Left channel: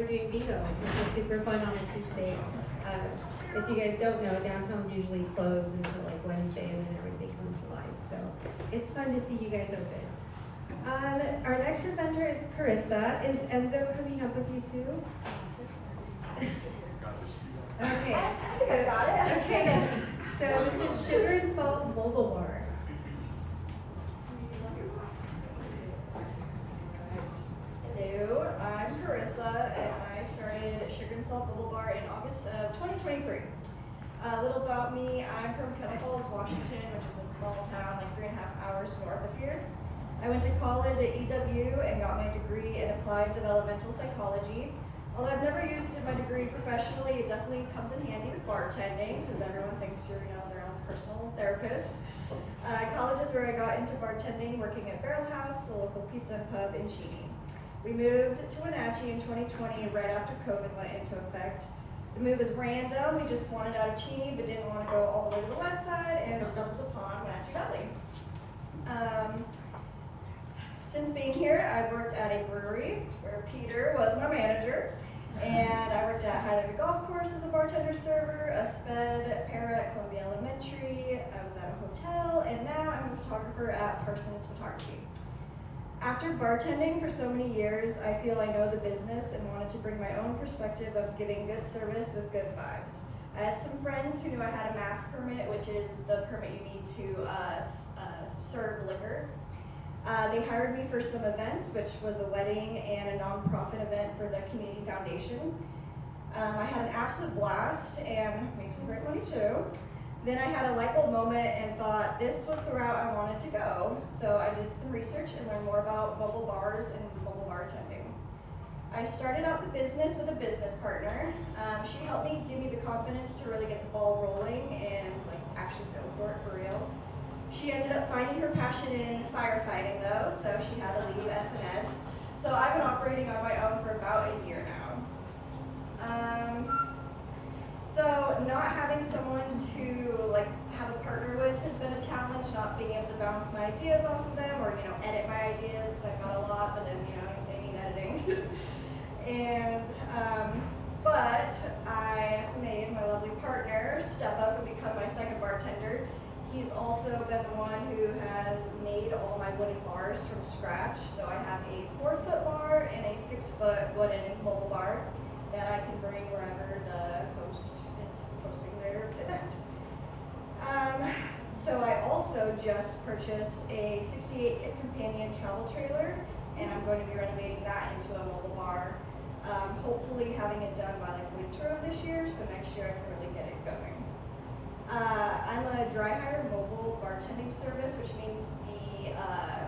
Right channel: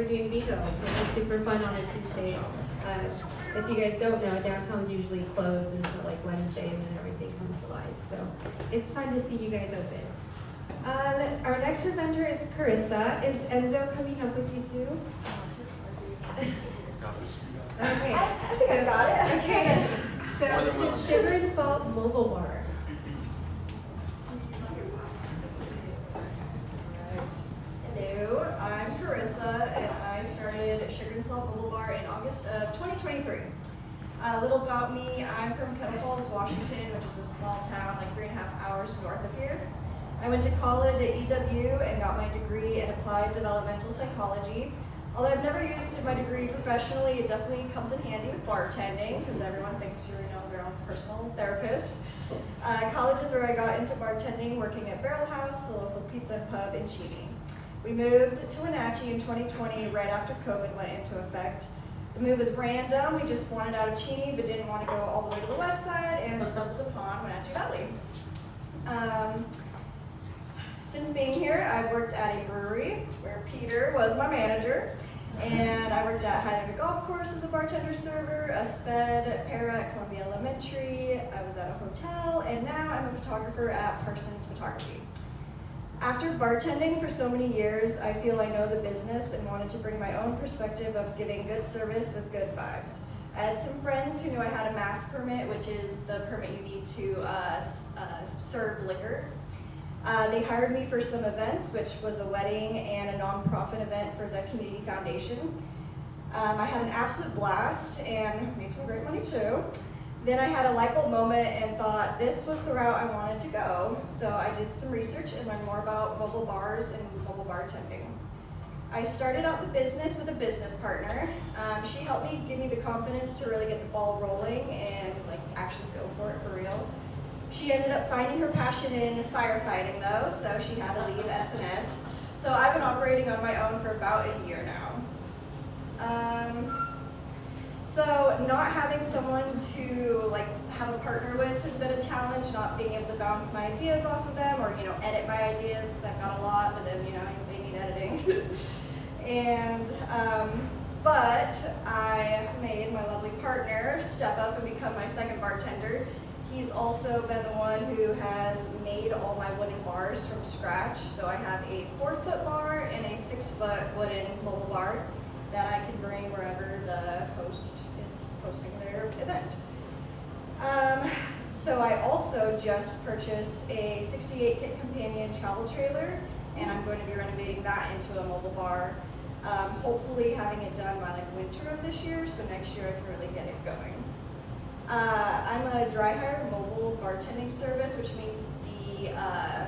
are doing bingo, which is super fun on a Tuesday. If you guys don't know, downtown's usually closed until like Wednesday, and then everything comes to life. So it's fun to see you guys open. Our next presenter is Karissa. Is Enzo coming up with you too? Okay. So this is Sugar and Salt Mobile Bar. Hello, I'm Karissa, and I started Sugar and Salt Mobile Bar in August of 2023. A little about me, I'm from Kettle Falls, Washington, which is a small town like 3.5 hours north of here. I went to college at EW and got my degree in applied developmental psychology. Although I've never used my degree professionally, it definitely comes in handy with bartending because everyone thinks you're their own personal therapist. College is where I got into bartending, working at Barrel House, the local pizza and pub in Cheney. We moved to Wenatchee in 2020, right after COVID went into effect. The move was random. We just wanted out of Cheney, but didn't want to go all the way to the west side, and stumbled upon Wenatchee Valley. Since being here, I've worked at a brewery where Peter was my manager, and I worked at Highlander Golf Course as a bartender server, a sped para at Columbia Elementary. I was at a hotel, and now I'm a photographer at Parsons Photography. After bartending for so many years, I feel I know the business and wanted to bring my own perspective of giving good service with good vibes. I had some friends who knew I had a mass permit, which is the permit you need to serve liquor. They hired me for some events, which was a wedding and a nonprofit event for the community foundation. I had an absolute blast and made some great money too. Then I had a light bulb moment and thought this was the route I wanted to go. So I did some research and learned more about mobile bars and mobile bartending. I started out the business with a business partner. She helped me, give me the confidence to really get the ball rolling and like actually go for it for real. She ended up finding her passion in firefighting though, so she had to leave SNS. So I've been operating on my own for about a year now. So not having someone to like have a partner with has been a challenge, not being able to bounce my ideas off of them or edit my ideas because I've got a lot, but then they need editing. And but I made my lovely partner step up and become my second bartender. He's also been the one who has made all my wooden bars from scratch. So I have a 4-foot bar and a 6-foot wooden mobile bar that I can bring wherever the host is hosting their event. So I also just purchased a 68-kit companion travel trailer, and I'm going to be renovating that into a mobile bar. Hopefully having it done by like winter of this year, so next year I can really get it going. I'm a dry hire mobile bartending service, which means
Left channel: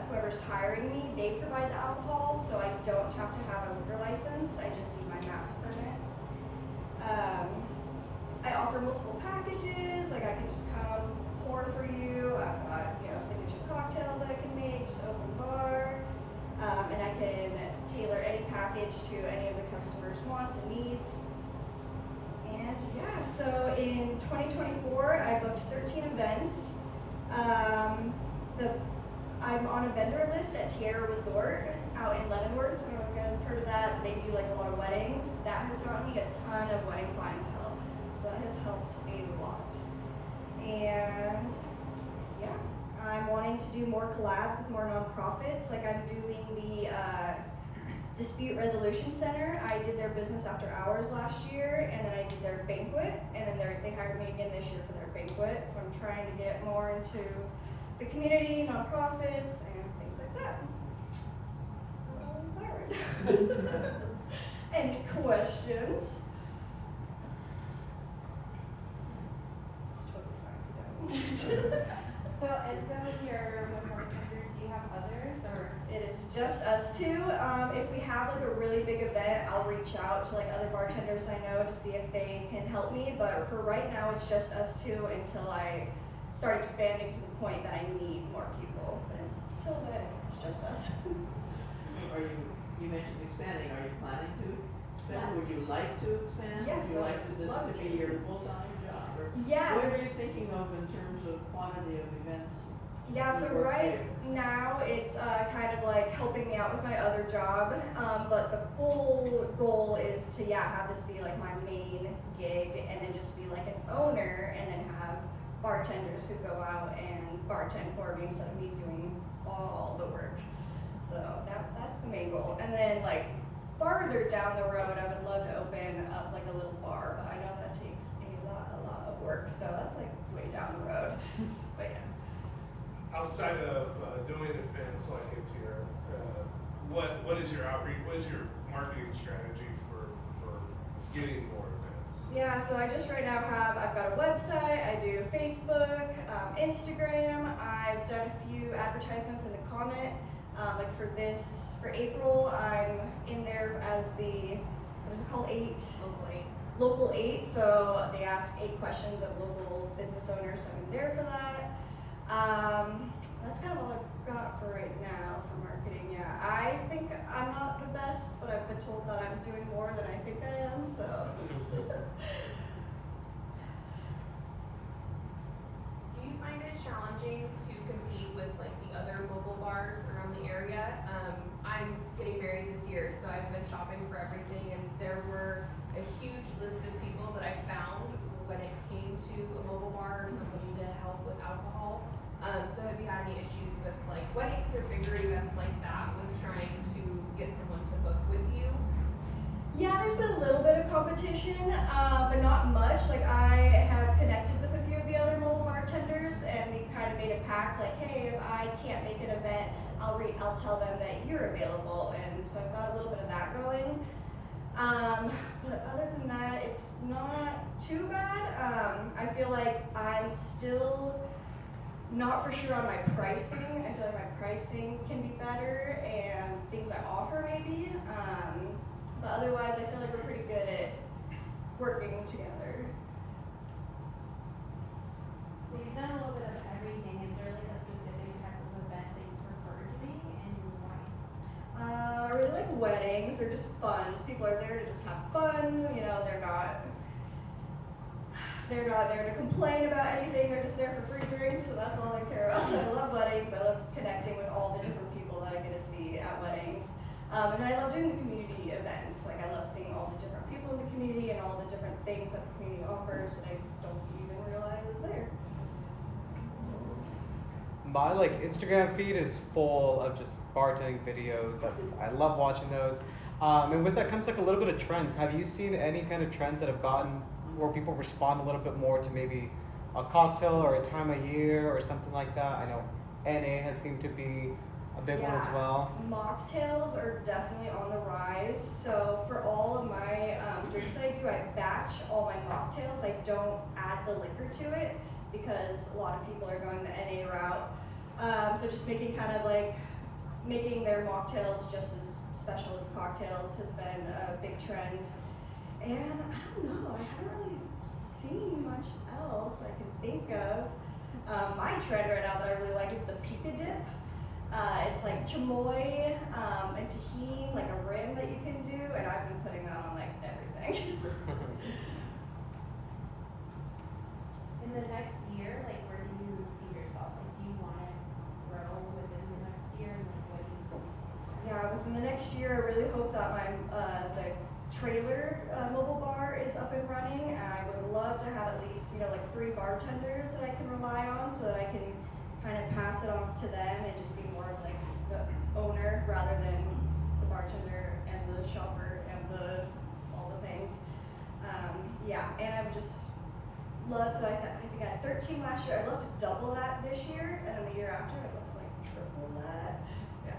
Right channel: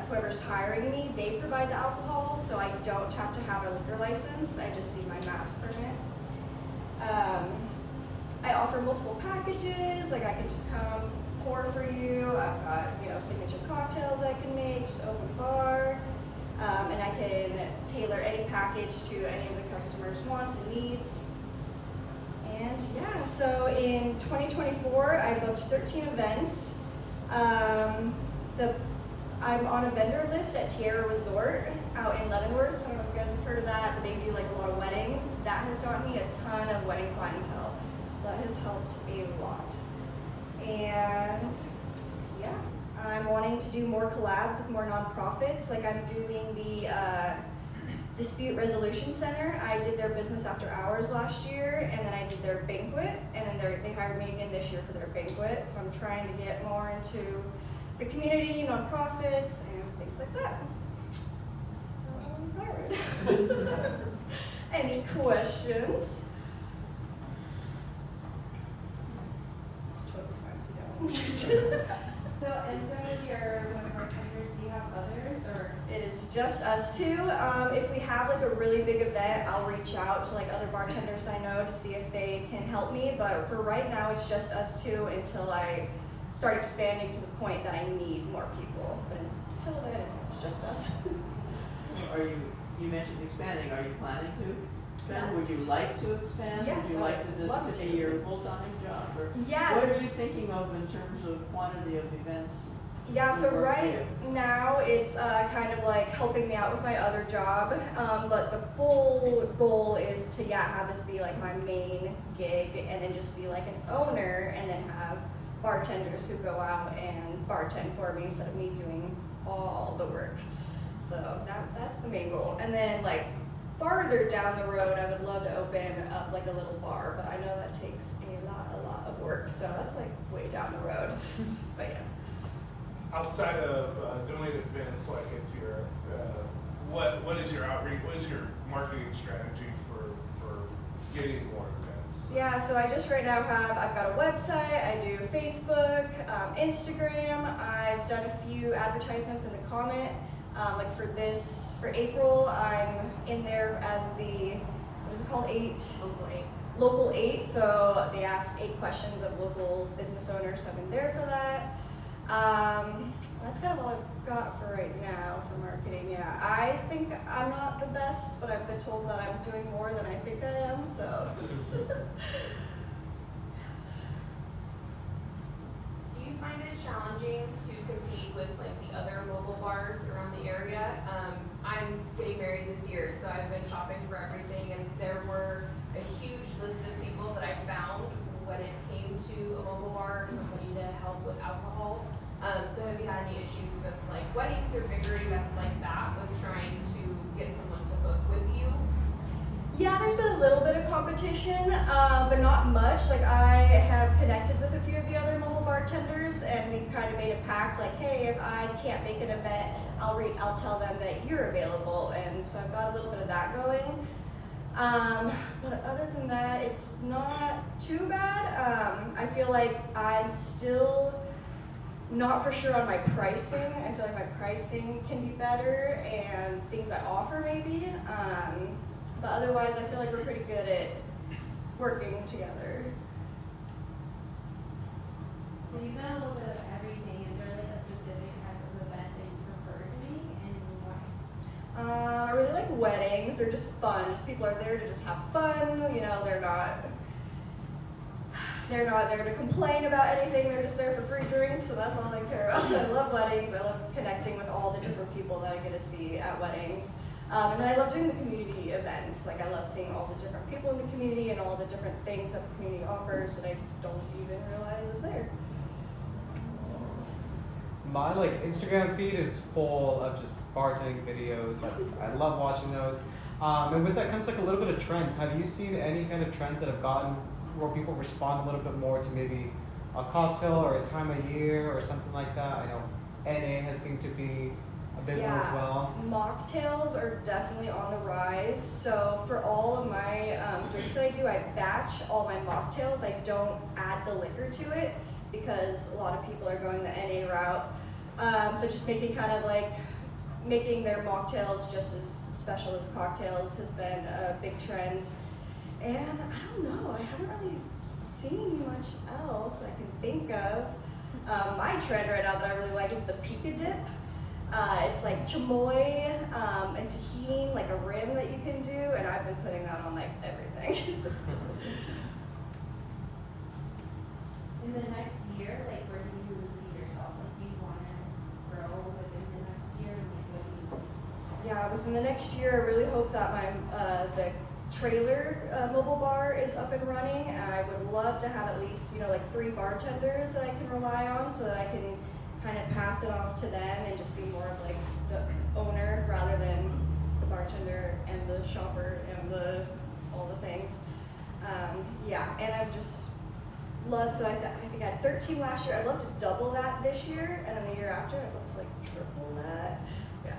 whoever's hiring me, they provide the alcohol, so I don't have to have a liquor license. I just need my mass permit. I offer multiple packages, like I can just come pour for you. I've got signature cocktails I can make, just open bar, and I can tailor any package to any of the customers' wants and needs. And yeah, so in 2024, I booked 13 events. I'm on a vendor list at Tierra Resort out in Leavenworth. I don't know if you guys have heard of that. They do like a lot of weddings. That has gotten me a ton of wedding clientele. So that has helped a lot. And yeah, I'm wanting to do more collabs with more nonprofits. Like I'm doing the Dispute Resolution Center. I did their business after hours last year, and then I did their banquet, and then they hired me again this year for their banquet. So I'm trying to get more into the community, nonprofits, and things like that. That's Any questions? It's totally fine if you don't. So Enzo is your one bartender. Do you have others or? It is just us two. If we have like a really big event, I'll reach out to like other bartenders I know to see if they can help me. But for right now, it's just us two until I start expanding to the point that I need more people. But until then, it's just us. You mentioned expanding. Are you planning to expand? Yes. Would you like to expand? Yes, Would you like this love to be your full-time job? Or Yeah. what are you thinking of in terms of quantity of events? Yeah, so Good work for right you. now it's kind of like helping me out with my other job, but the full goal is to have this be like my main gig, and then just be like an owner, and then have bartenders who go out and bartend for me instead of me doing all the work. So that's the main goal. And then like farther down the road, I would love to open up like a little bar, but I know that takes a lot of work. So that's like way down the road. But yeah. Outside of doing events like it's your, what is your outreach? What is your marketing strategy for getting more events? Yeah, so I just right now I've got a website, I do Facebook, Instagram, I've done a few advertisements in the comment. Like for April, I'm in there as the, what is it called, Local 8, so they ask 8 questions of local business owners, so I'm in there for that. That's kind of all I've got for right now for marketing. Yeah, I think I'm not the best, but I've been told that I'm doing more than I think I am, so. Do you find it challenging to compete with like the other mobile bars around the area? I'm getting married this year, so I've been shopping for everything, and there were a huge list of people that I found when it came to a mobile bar or somebody to help with alcohol. So have you had any issues with like weddings or bigger events like that with trying to get someone to book with you? Yeah, there's been a little bit of competition, but not much. Like I have connected with a few of the other mobile bartenders, and we've kind of made a pact. Like, hey, if I can't make an event, I'll tell them that you're available, and so I've got a little bit of that going. But other than that, it's not too bad. I feel like I'm still not for sure on my pricing. I feel like my pricing can be better, and things I offer maybe. But otherwise, I feel like we're pretty good at working together. So you've done a little bit of everything. Is there like a specific type of event that you prefer doing, and why? I really like weddings. They're just fun. Just people are there to just have fun. You know, they're not there to complain about anything. They're just there for free drinks, so that's all I care about. So I love weddings. I love connecting with all the different people that I get to see at weddings. And then I love doing the community events. Like I love seeing all the different people in the community and all the different things that the community offers that I don't even realize is there. My like Instagram feed is full of just bartending videos. I love watching those. And with that comes like a little bit of trends. Have you seen any kind of trends that have gotten where people respond a little bit more to maybe a cocktail or a time of year or something like that? I know NA has seemed to be a big one as well. Mocktails are definitely on the rise. So for all of my drinks that I do, I batch all my mocktails. I don't add the liquor to it because a lot of people are going the NA route. So just making their mocktails just as special as cocktails has been a big trend. And I don't know, I haven't really seen much else I can think of. My trend right now that I really like is the Pika Dip. It's like chamoy and tahini, like a rim that you can do, and I've been putting that on like everything. In the next year, like where do you see yourself? Like do you want to grow within the next year? What do you want? Yeah, within the next year, I really hope that my the trailer mobile bar is up and running. I would love to have at least like 3 bartenders that I can rely on, so that I can kind of pass it off to them and just be more of like the owner rather than the bartender and the shopper and all the things. Yeah, and I've just loved. So I think I had 13 last year. I'd love to double that this year, and then the year after, I'd love to like triple that. Yeah.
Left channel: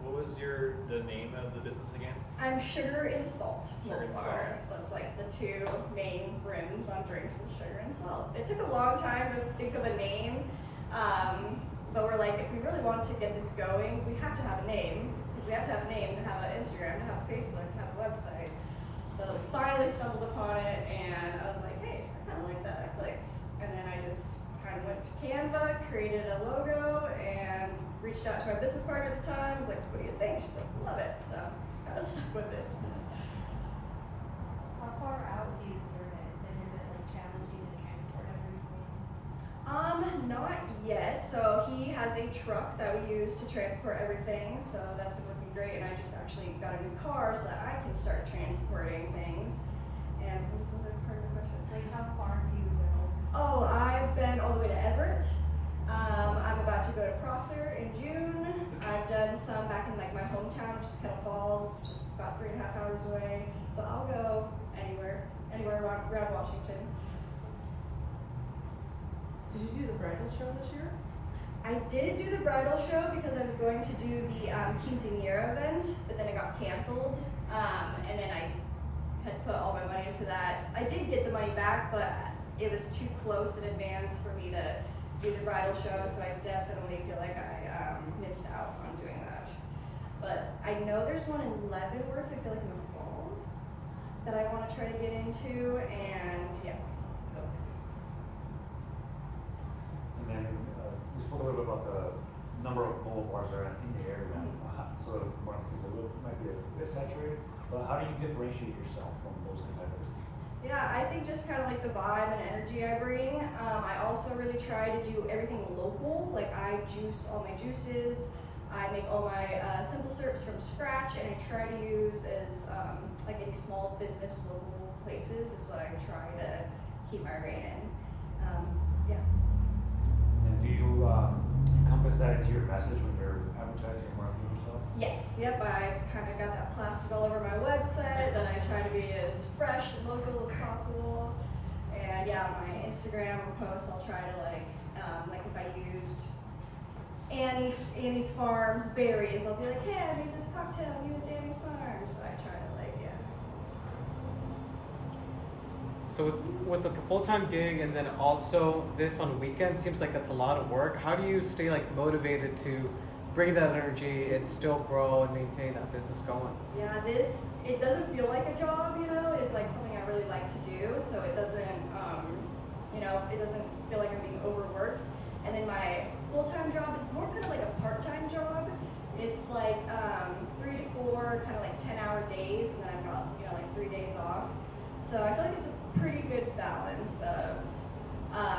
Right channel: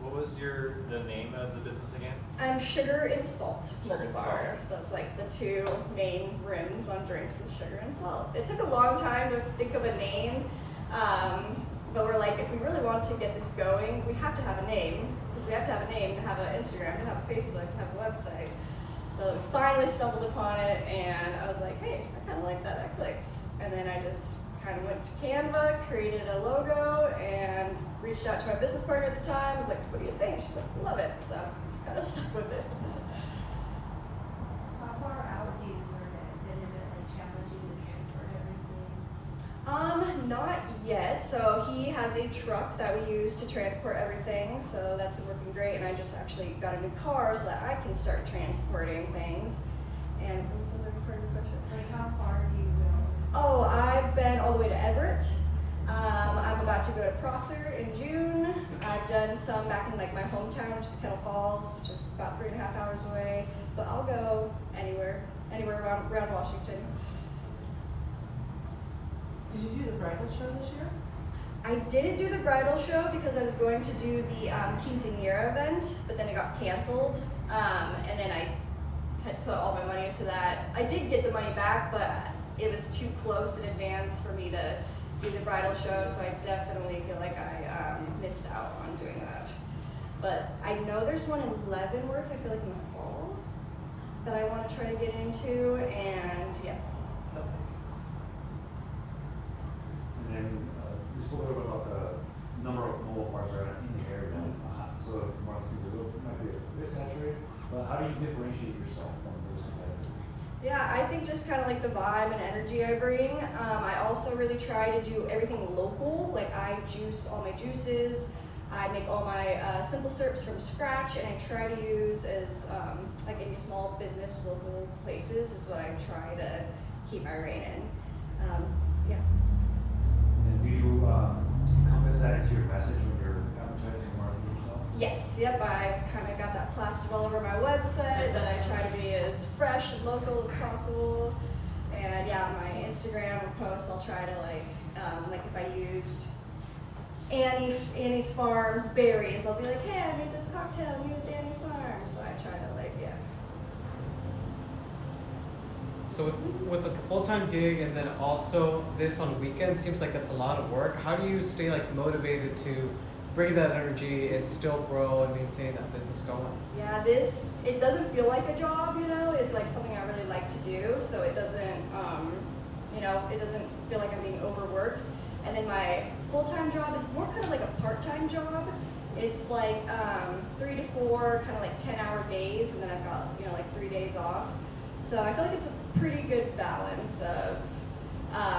What was the name of the business again? I'm Sugar and Salt Sugar Mobile and Bar. So it's like the 2 main rims on drinks is sugar and salt. It took a long time to think of a name, but we're like, if we really want to get this going, we have to have a name. Because we have to have a name to have an Instagram, to have a Facebook, to have a website. So we finally stumbled upon it, and I was like, hey, I kind of like that. That clicks. And then I just kind of went to Canva, created a logo, and reached out to my business partner at the time. I was like, what do you think? She's like, love it. So just kind of stuck with it. How far out do you service, and is it like challenging to transport everything? Not yet. So he has a truck that we use to transport everything. So that's been working great. And I just actually got a new car so that I can start transporting things. And what was the other part of the question? Like how far do you go? Oh, I've been all the way to Everett. I'm about to go to Prosser in June. I've done some back in like my hometown, which is Kettle Falls, which is about 3.5 hours away. So I'll go anywhere around Washington. Did you do the bridal show this year? I didn't do the bridal show because I was going to do the quinceañera event, but then it got canceled. And then I had put all my money into that. I did get the money back, but it was too close in advance for me to do the bridal show, so I definitely feel like I missed out on doing that. But I know there's one in Leavenworth, I feel like in the fall, that I want to try to get into, and yeah. And then we spoke a little bit about the number of mobile bars around in the area. So one seems a little might be a bit saturated. But how do you differentiate yourself from those competitors? Yeah, I think just kind of like the vibe and energy I bring. I also really try to do everything local. Like I juice all my juices. I make all my simple syrups from scratch, and I try to use as like any small business local places is what I try to keep my reign in. Yeah. And do you encompass that into your message when you're advertising and marketing yourself? Yes, yep, I've kind of got that plastered all over my website that I try to be as fresh and local as possible. And yeah, my Instagram posts, I'll try to like if I used Annie's Farms berries, I'll be like, hey, I made this cocktail and used Annie's Farms. So I try to like, yeah. So with a full-time gig and then also this on weekends, seems like that's a lot of work. How do you stay like motivated to bring that energy and still grow and maintain that business going? Yeah, it doesn't feel like a job, you know, it's like something I really like to do, so it doesn't, it doesn't feel like I'm being overworked. And then my full-time job is more kind of like a part-time job. It's like 3 to 4, kind of like 10-hour days, and then I've got, like 3 days off. So I feel like it's a pretty good balance of,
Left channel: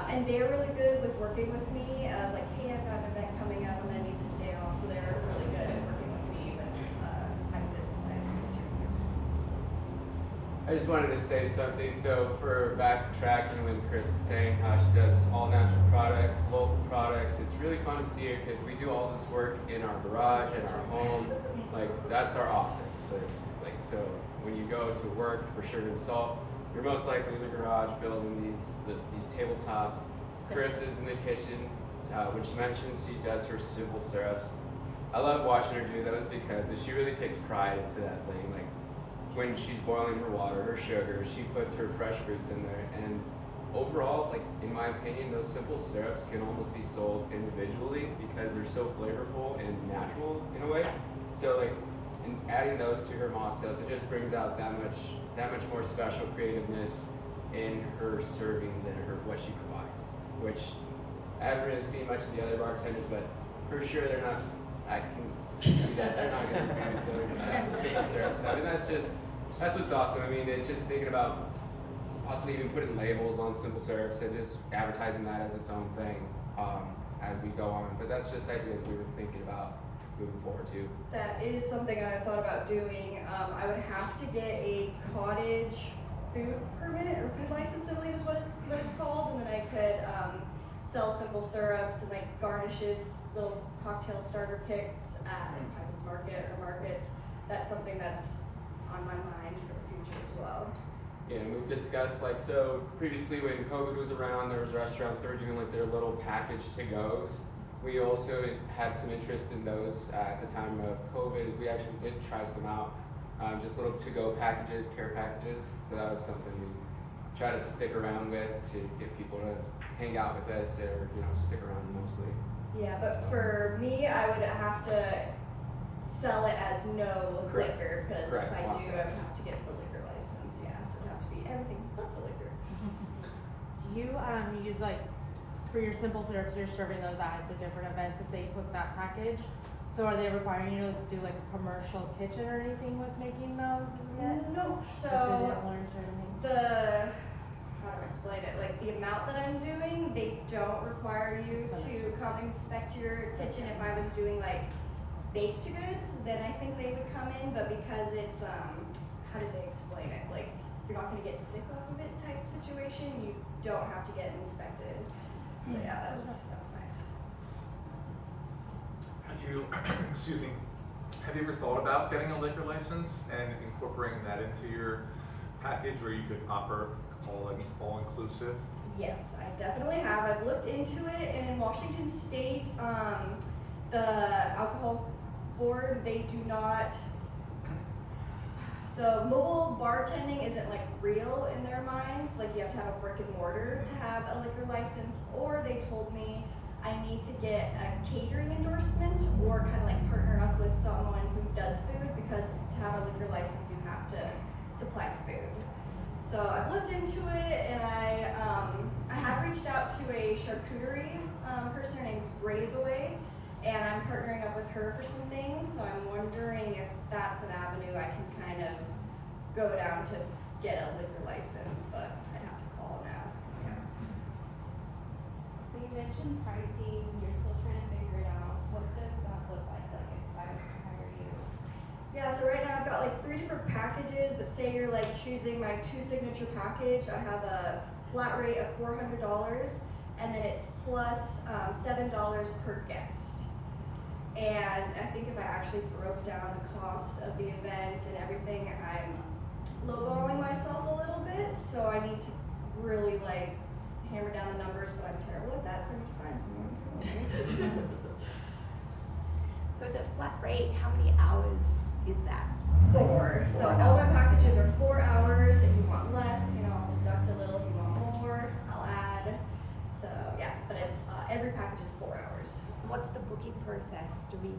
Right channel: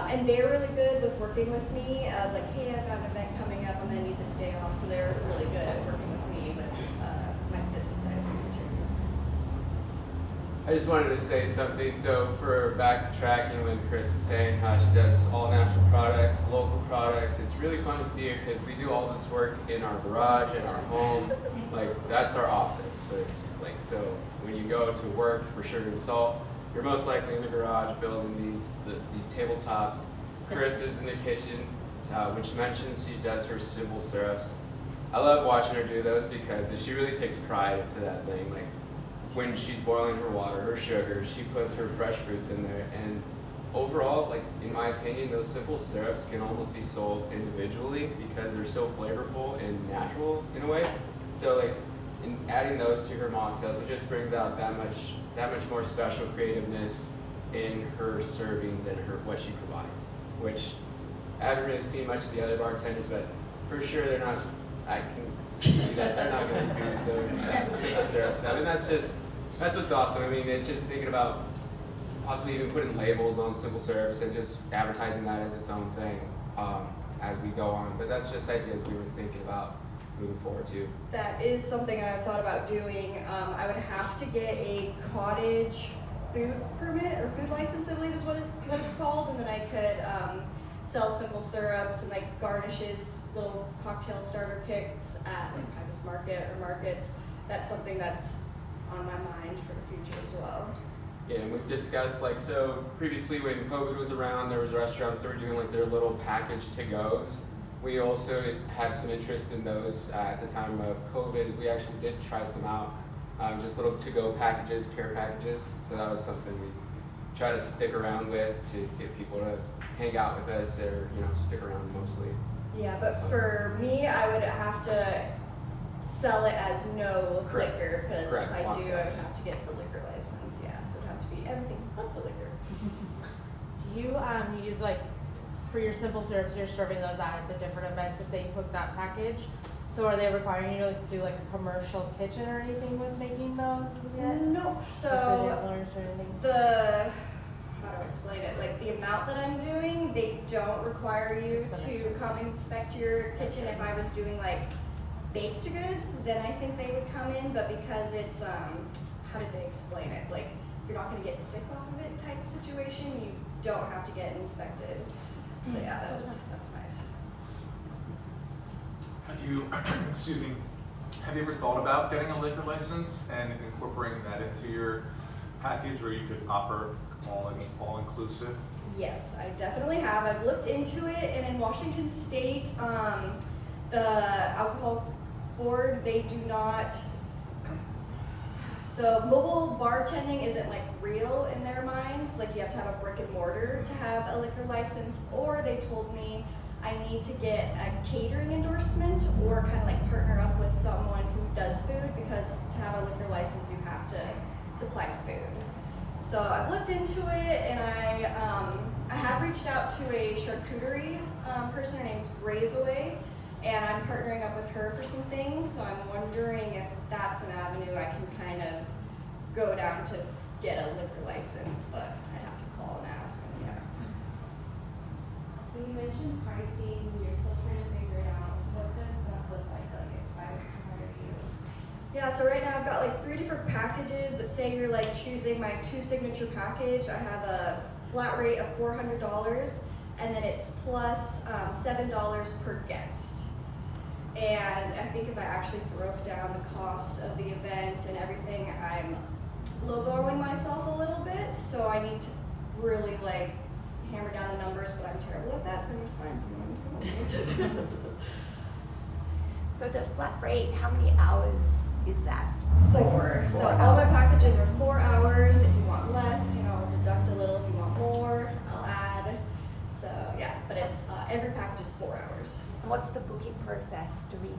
and they're really good with working with me, of like, hey, I've got an event coming up, I'm gonna need this day off, so they're really good at working with me with my business side of things too. I just wanted to say something. So for backtracking when Chris is saying how she does all natural products, local products, it's really fun to see it because we do all this work in our garage, in our home. Like that's our office. So it's like, so when you go to work for Sugar and Salt, you're most likely in the garage building these tabletops. Chris is in the kitchen, which mentions she does her simple syrups. I love watching her do those because she really takes pride into that thing. Like when she's boiling her water, her sugar, she puts her fresh fruits in there. And overall, like in my opinion, those simple syrups can almost be sold individually because they're so flavorful and natural in a way. So like in adding those to her mocktails, it just brings out that much more special creativeness in her servings and what she provides. Which I haven't really seen much of the other bartenders, but for sure they're not. I can see that they're not going to be those simple syrups. I mean, that's what's awesome. I mean, it's just thinking about possibly even putting labels on simple syrups and just advertising that as its own thing as we go on. But that's just ideas we were thinking about moving forward too. That is something I've thought about doing. I would have to get a cottage food permit or food license, I believe is what it's called, and then I could sell simple syrups and like garnishes, little cocktail starter kits at like Pybus Market or markets. That's something that's on my mind for the future as well. Yeah, and we've discussed like, so previously when COVID was around, there was restaurants that were doing like their little package to-goes. We also had some interest in those at the time of COVID. We actually did try some out, just little to-go packages, care packages. So that was something we try to stick around with to get people to hang out with us or stick around mostly. Yeah, but for me, I would have to sell it as no Correct. liquor, because if I Correct. do, I would have to get the liquor license. Yeah, so it'd have to be everything but the liquor. Do you use like for your simple syrups, you're serving those at the different events if they cook that package? So are they requiring you to do like a commercial kitchen or anything with making those? No, Like so the nibblers or anything? how do I explain it? Like like the amount that I'm doing, they don't require you to come inspect your kitchen. If I was doing like baked goods, then I think they would come in, but because it's, how did they explain it? Like, you're not gonna get sick off of it type situation, you don't have to get inspected. So yeah, that's nice. Have you, excuse me, have you ever thought about getting a liquor license and incorporating that into your package where you could offer all inclusive? Yes, I definitely have. I've looked into it, and in Washington State, the alcohol board, they do not. So mobile bartending isn't like real in their minds. Like you have to have a brick and mortar to have a liquor license, or they told me I need to get a catering endorsement or kind of like partner up with someone who does food, because to have a liquor license you have to supply food. So I've looked into it, and I have reached out to a charcuterie person. Her name's Razorway, and I'm partnering up with her for some things. So I'm wondering if that's an avenue I can kind of go down to get a liquor license, but I'd have to call and ask. Yeah. So you mentioned pricing, you're still trying to figure it out. What does that look like if I was to hire you? Yeah, so right now I've got like 3 different packages, but say you're like choosing my 2 signature package, I have a flat rate of $400, and then it's plus $7 per guest. And I think if I actually broke down the cost of the event and everything, I'm lowballing myself a little bit, so I need to really like hammer down the numbers, but I'm terrible at that, so I need to find someone to help me. So the flat rate, how many hours is that? 4. So all my packages are 4 hours. If you want less, I'll deduct a little. If you want more, I'll add. So yeah, but it's every package is 4 hours. What's the booking process? Do we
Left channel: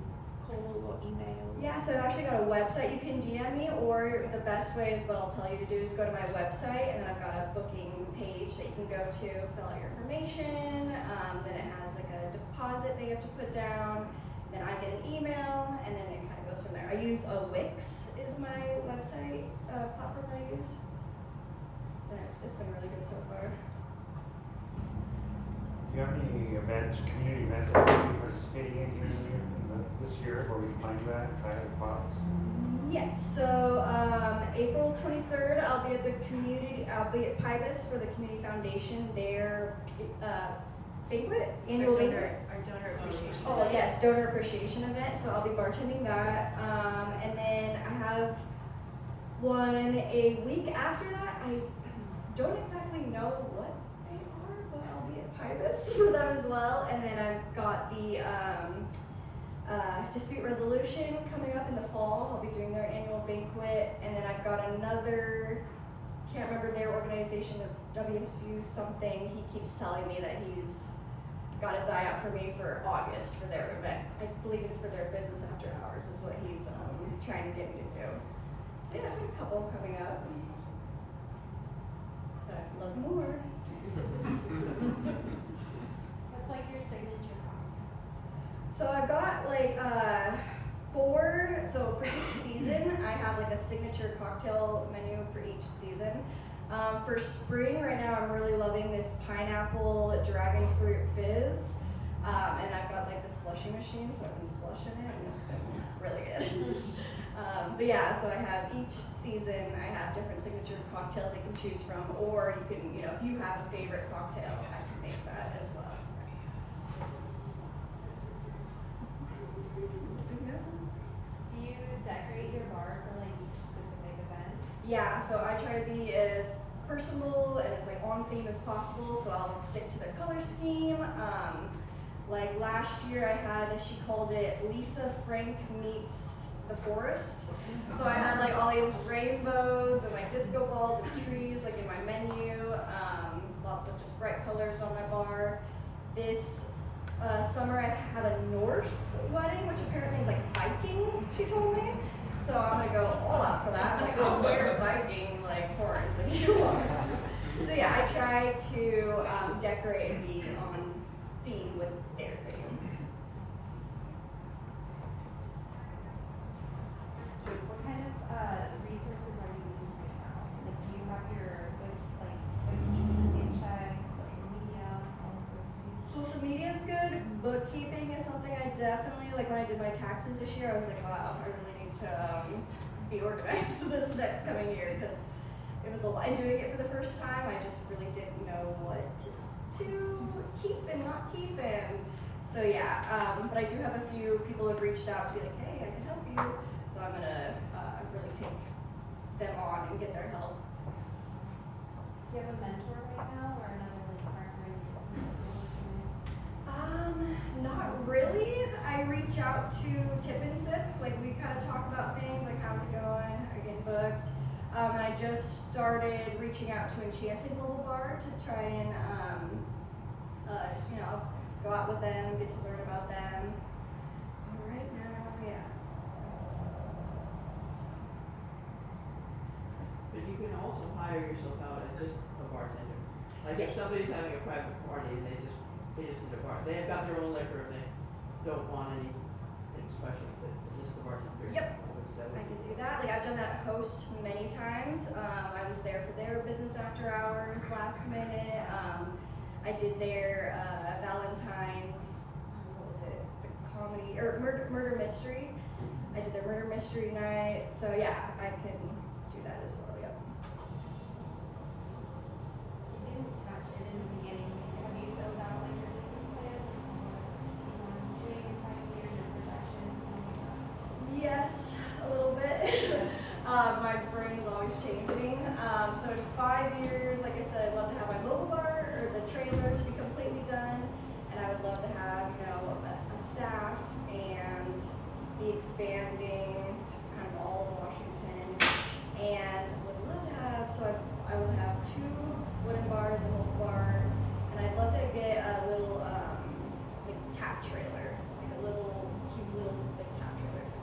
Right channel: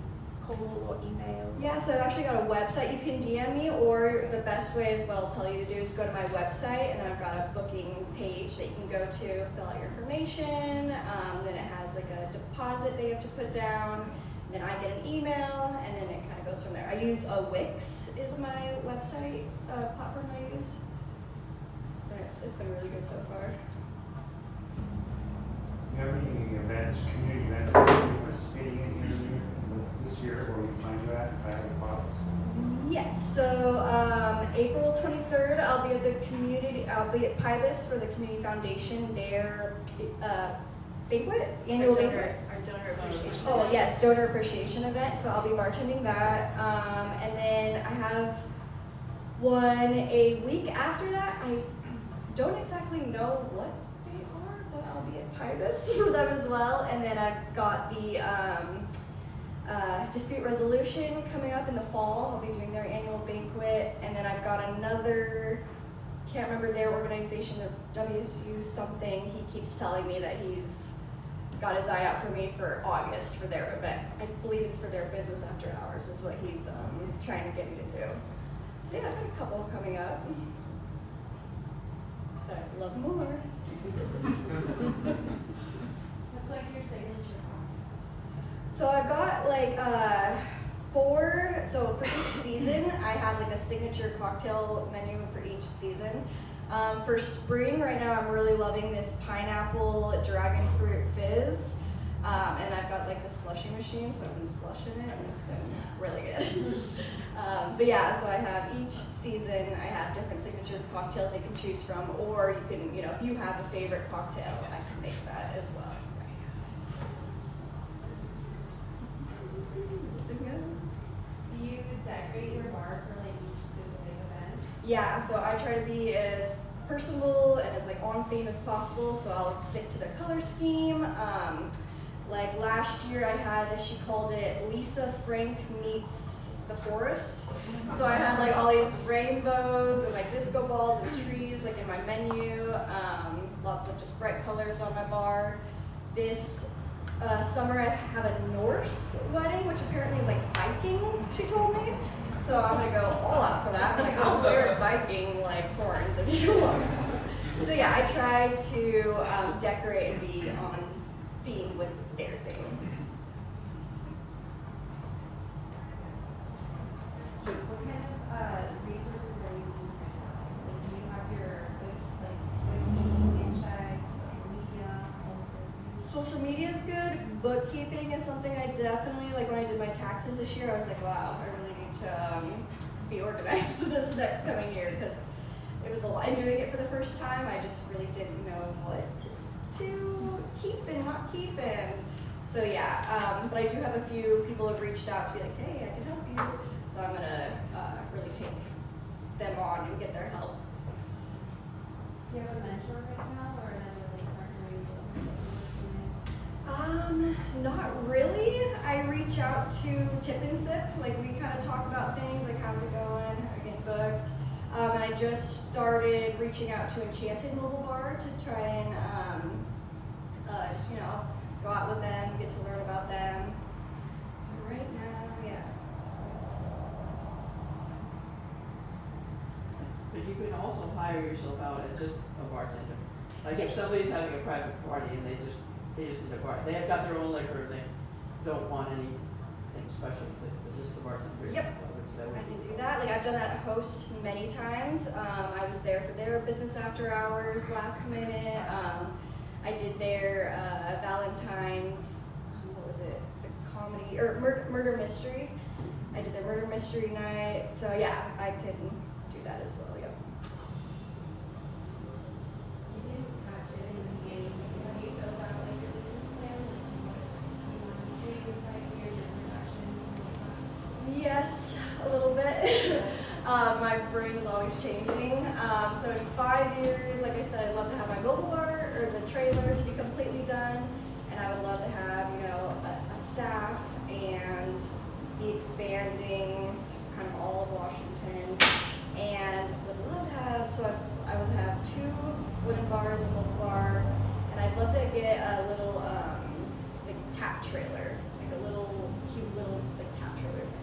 call or email? Yeah, so I've actually got a website. You can DM me, or the best way is what I'll tell you to do is go to my website, and then I've got a booking page that you can go to, fill out your information. Then it has like a deposit that you have to put down. Then I get an email, and then it kind of goes from there. I use Wix is my website platform I use. And it's been really good so far. Do you have any events, community events that you're participating in here this year, where we can find you at with models? Yes, so April 23rd, I'll be at Pybus for the Community Foundation, their banquet, annual banquet. Oh yes, donor appreciation event. So I'll be bartending that, and then I have one a week after that. I don't exactly know what they are, but I'll be at Pybus for them as well. And then I've got the dispute resolution coming up in the fall. I'll be doing their annual banquet, and then I've got another. Can't remember their organization, their WSU something. He keeps telling me that he's got his eye out for me for August for their event. I believe it's for their business after hours is what he's trying to get me to do. So yeah, I've got a couple coming up. But I'd love more. What's like your signature cocktail? So I've got like 4, so for each season I have like a signature cocktail menu for each season. For spring, right now I'm really loving this pineapple dragon fruit fizz. And I've got like the slushy machine, so I've been slushing it, and it's been really good. But yeah, so I have each season, I have different signature cocktails you can choose from, or you can, if you have a favorite cocktail, I can make that as well. Do you decorate your bar for like each specific event? Yeah, so I try to be as personable and as like on theme as possible, so I'll stick to the color scheme. Like last year I had, she called it Lisa Frank meets the forest. So I had like all these rainbows and like disco balls and trees like in my menu, lots of just bright colors on my bar. This summer I have a Norse wedding, which apparently is like Viking, she told me. So I'm gonna go all out for that. Like I'll wear Viking like horns if you want. So yeah, I try to decorate and be on theme with their thing. What kind of resources are you needing right now? Like, do you have your like bookkeeping, check, social media is good. Bookkeeping is something I definitely, like when I did my taxes this year, I was like, wow, I really need to be organized this next coming year, because it was a lot. And doing it for the first time, I just really didn't know what to keep and not keep. And so yeah, but I do have a few people who have reached out to be like, hey, I can help you. So I'm gonna really take them on and get their help. Do you have a mentor right now or another like partner in business that you're working with? Not really. I reach out to Tip and Sip. Like we kind of talk about things like how's it going, are you getting booked? And I just started reaching out to Enchanted Mobile Bar to try and just go out with them, get to learn about them. But right now, yeah. But you can also hire yourself out as just a bartender. Like if somebody's having a private party and they just need a bar, they have got their own liquor and they don't want anything special, they're just the bartender. Yep. I can do that. Like I've done that host many times. I was there for their business after hours last minute. I did their Valentine's, what was it? The comedy or murder mystery. I did their murder mystery night. So yeah, I can do that as well. Yep. You did catch it in the beginning. Have you filled out like your business plans or what you want to do in 5 years, your productions and stuff? Yes, a little bit. My brain is always changing. So in 5 years, like I said, I'd love to have my mobile bar or the trailer to be completely done, and I would love to have, a staff and be expanding to kind of all of Washington. And would love to have, I would have 2 wooden bars, a mobile bar, and I'd love to get a little like tap trailer, like a little cute little like tap trailer thing.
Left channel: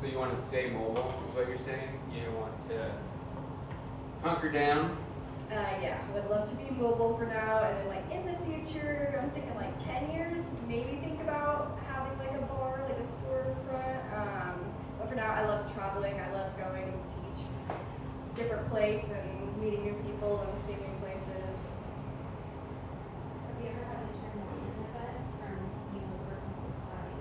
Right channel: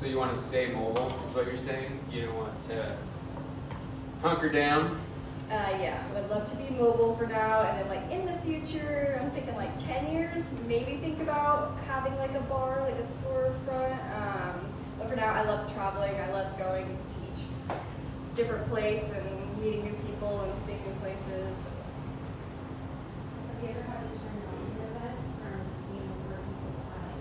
So you want to stay mobile, is what you're saying? You don't want to hunker down? Yeah, would love to be mobile for now, and then like in the future, I'm thinking like 10 years, maybe think about having like a bar, like a storefront. But for now, I love traveling. I love going to each different place and meeting new people and seeing new places. Have you ever had to turn down an event from working full time?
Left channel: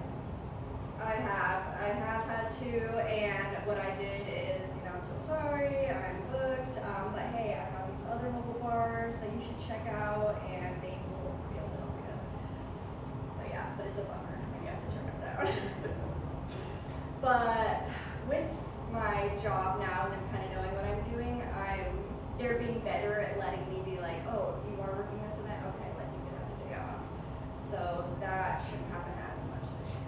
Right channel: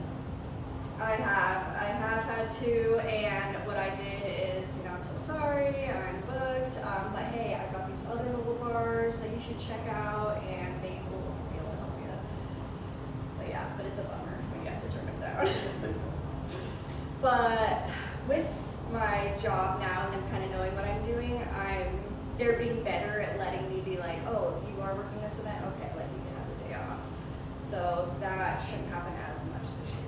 I have had to, and what I did is, I'm so sorry, I'm booked, but hey, I've got these other mobile bars that you should check out, and they will be able to help you. But yeah, but it's a bummer when you have to turn them down. But with my job now and them kind of knowing what I'm doing, they're being better at letting me be like, oh, you are working this event? Okay, like you can have the day off. So that shouldn't happen as much this year.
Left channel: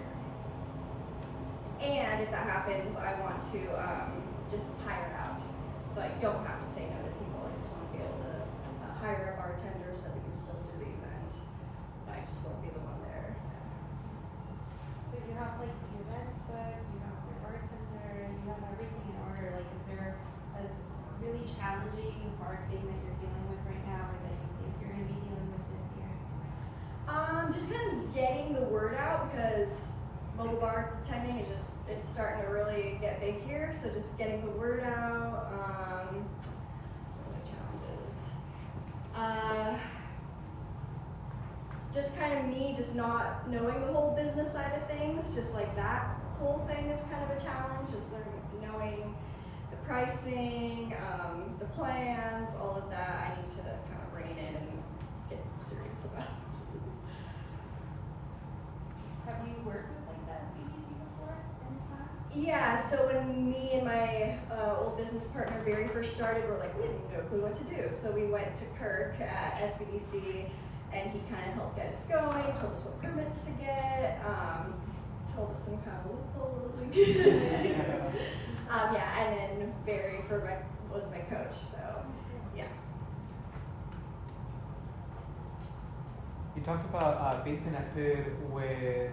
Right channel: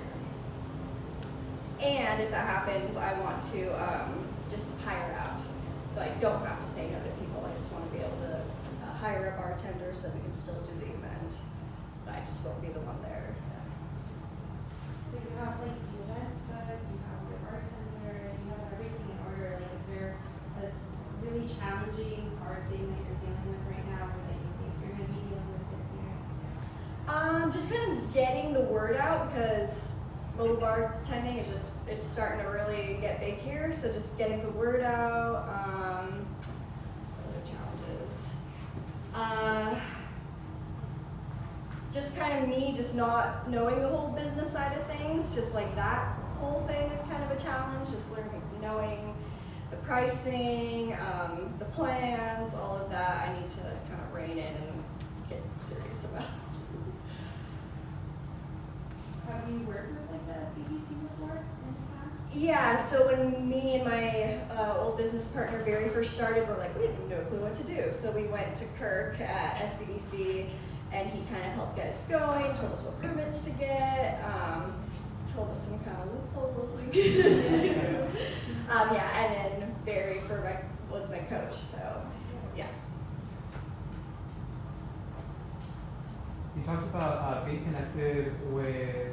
And if that happens, I want to just hire out. So I don't have to say no to people. I just want to be able to hire a bartender so that we can still do the event. But I just won't be the one there. Yeah. So you have like the events, but you have your bartender, you have everything in order. Like, is there a really challenging hard thing that you're dealing with right now, or that you think you're going to be dealing with this year? Just kind of getting the word out, because mobile bartending is it's starting to really get big here. So just getting the word out. What are the challenges? Just kind of me just not knowing the whole business side of things. Just like that whole thing is kind of a challenge. Just knowing the pricing, the plans, all of that. I need to kind of rein in and get serious about. Have you worked with like the SBDC before in the past? Yeah, so when me and my old business partner very first started, we're like, we have no clue what to do. So we went to Kirk at SBDC, and he kind of helped get us going, told us what permits to get, told us some kind of loopholes we could do. Yeah, and then Barry was my coach, so yeah. You talked about being connected with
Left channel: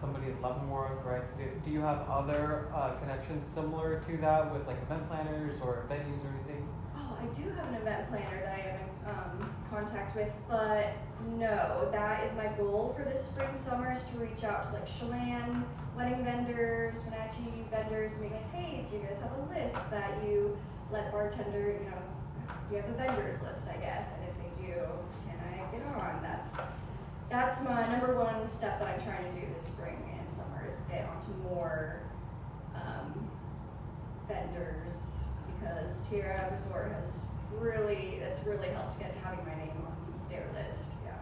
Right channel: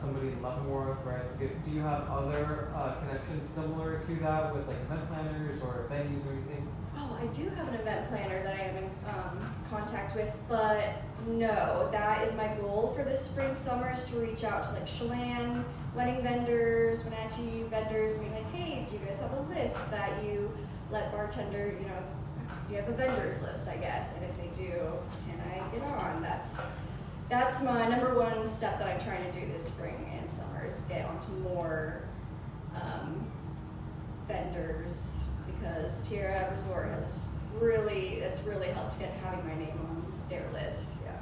somebody in Leavenworth, right? Do you have other connections similar to that with like event planners or venues or anything? Oh, I do have an event planner that I am in contact with, but no, that is my goal for this spring, summer, is to reach out to like Chelan, wedding vendors, Wenatchee vendors, and be like, hey, do you guys have a list that you let bartender, you have a vendors list, I guess, and if they do, can I get on? That's my number one step that I'm trying to do this spring and summer is get onto more vendors, because Tierra Resort has it's really helped get having my name on their list. Yeah.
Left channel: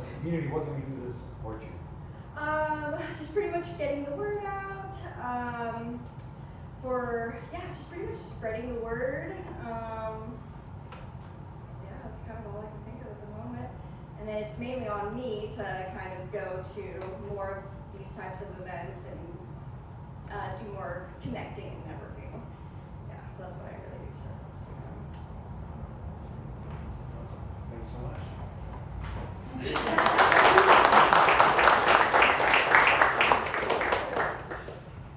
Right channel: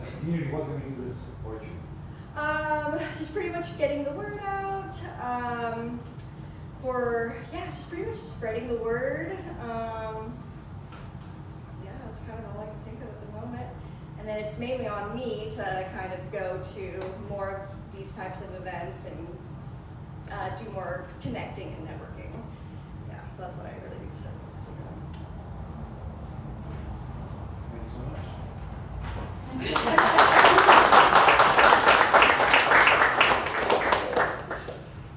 As a community, what can we do to support you? Just pretty much getting the word out. Just pretty much spreading the word. That's kind of all I can think of at the moment. And then it's mainly on me to kind of go to more of these types of events and do more connecting and networking. Yeah, so that's what I really need to start focusing on. Thanks so much.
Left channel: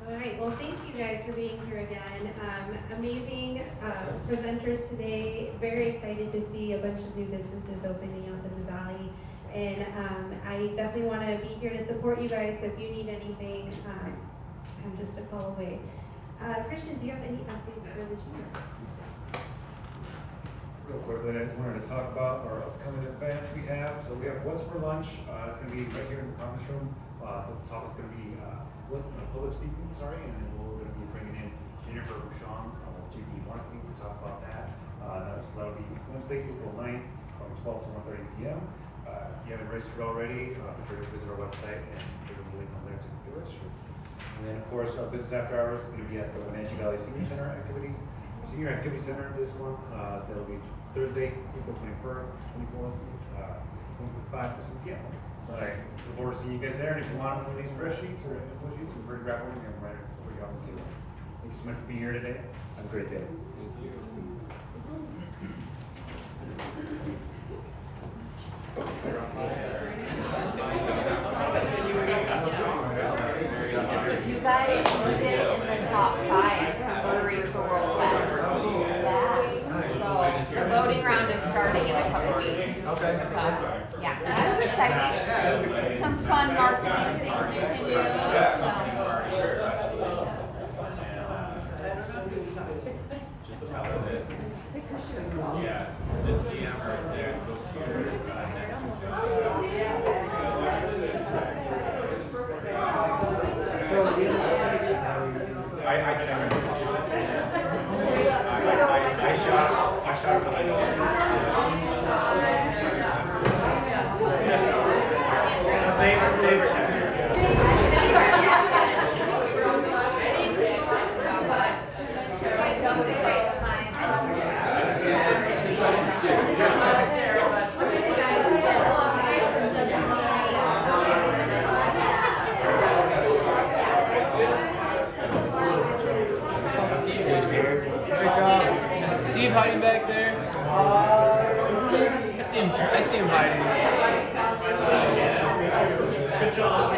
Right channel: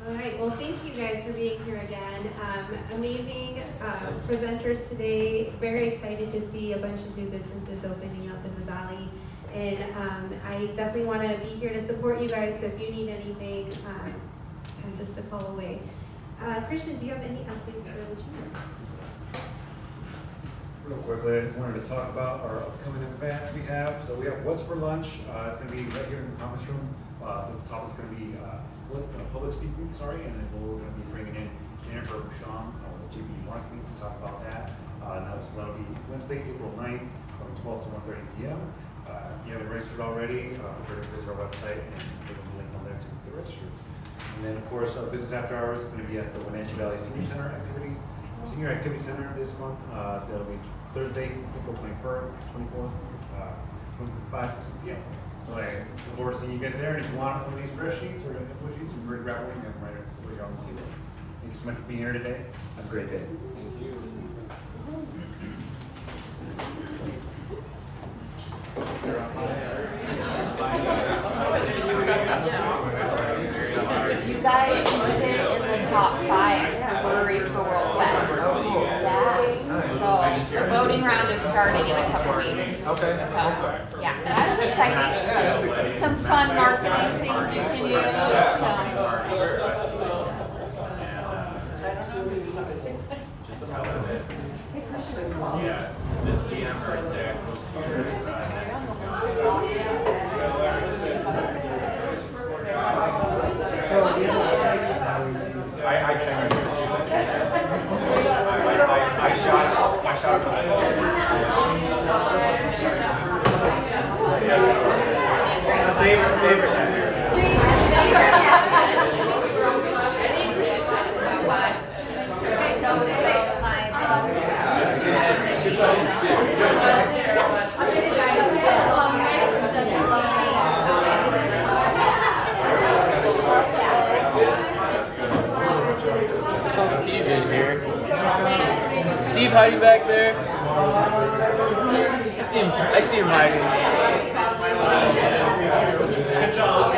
All right, well, thank you guys for being here again. Amazing presenters today. Very excited to see a bunch of new businesses opening up in the Valley. And I definitely want to be here to support you guys, so if you need anything, I'm just a call away. Christian, do you have any updates for the chamber? Real quickly, I just wanted to talk about our upcoming events we have. So we have What's for Lunch. It's going to be right here in the conference room. The topic's going to be public speaking, and then we're going to be bringing in Jennifer Bouchon with GB Marketing to talk about that. That'll be Wednesday, April 9th from 12 to 1:30 p.m. If you haven't registered already, feel free to visit our website and click on the link on there to get registered. And then, of course, Business After Hours is going to be at the Wenatchee Valley Senior Activity Center this month. That'll be Thursday, April 24th from 5 to 6 p.m. So I look forward to seeing you guys there. And if you want one of these fresh sheets or info sheets, we're going to grab one and have them right for you on the table. Thank you so much for being here today. Have a great day. Thank you. You guys put it in the top 5 breweries for World Fest. So the voting round is starting in a couple weeks. Okay. Yeah, that's exciting. Some fun marketing things you can do. Steve hiding back there? I see him hiding. Good job.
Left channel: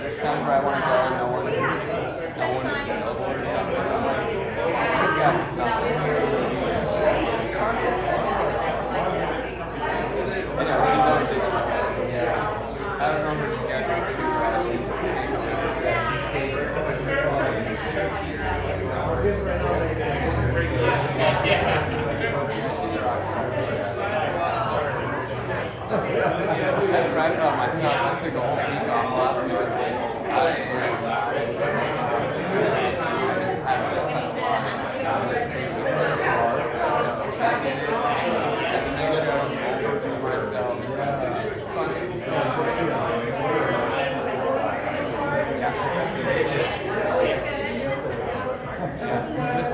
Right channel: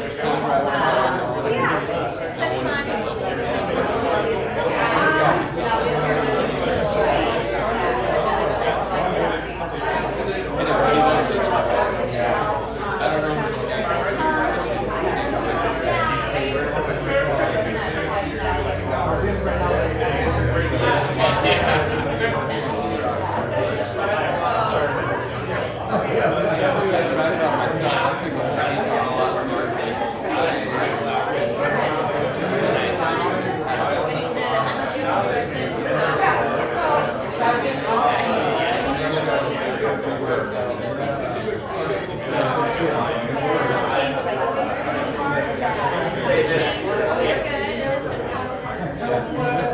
There's times where I want to go and no one is available or something. There's got to be something. I know, she's always itching. I don't know her schedule too well. That's what I thought myself. I took a whole week on a lot of things. Yeah.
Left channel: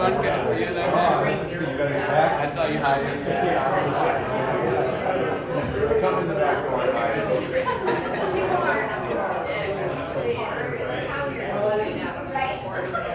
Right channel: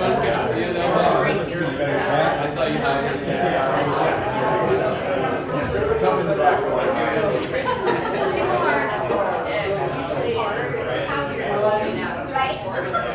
right?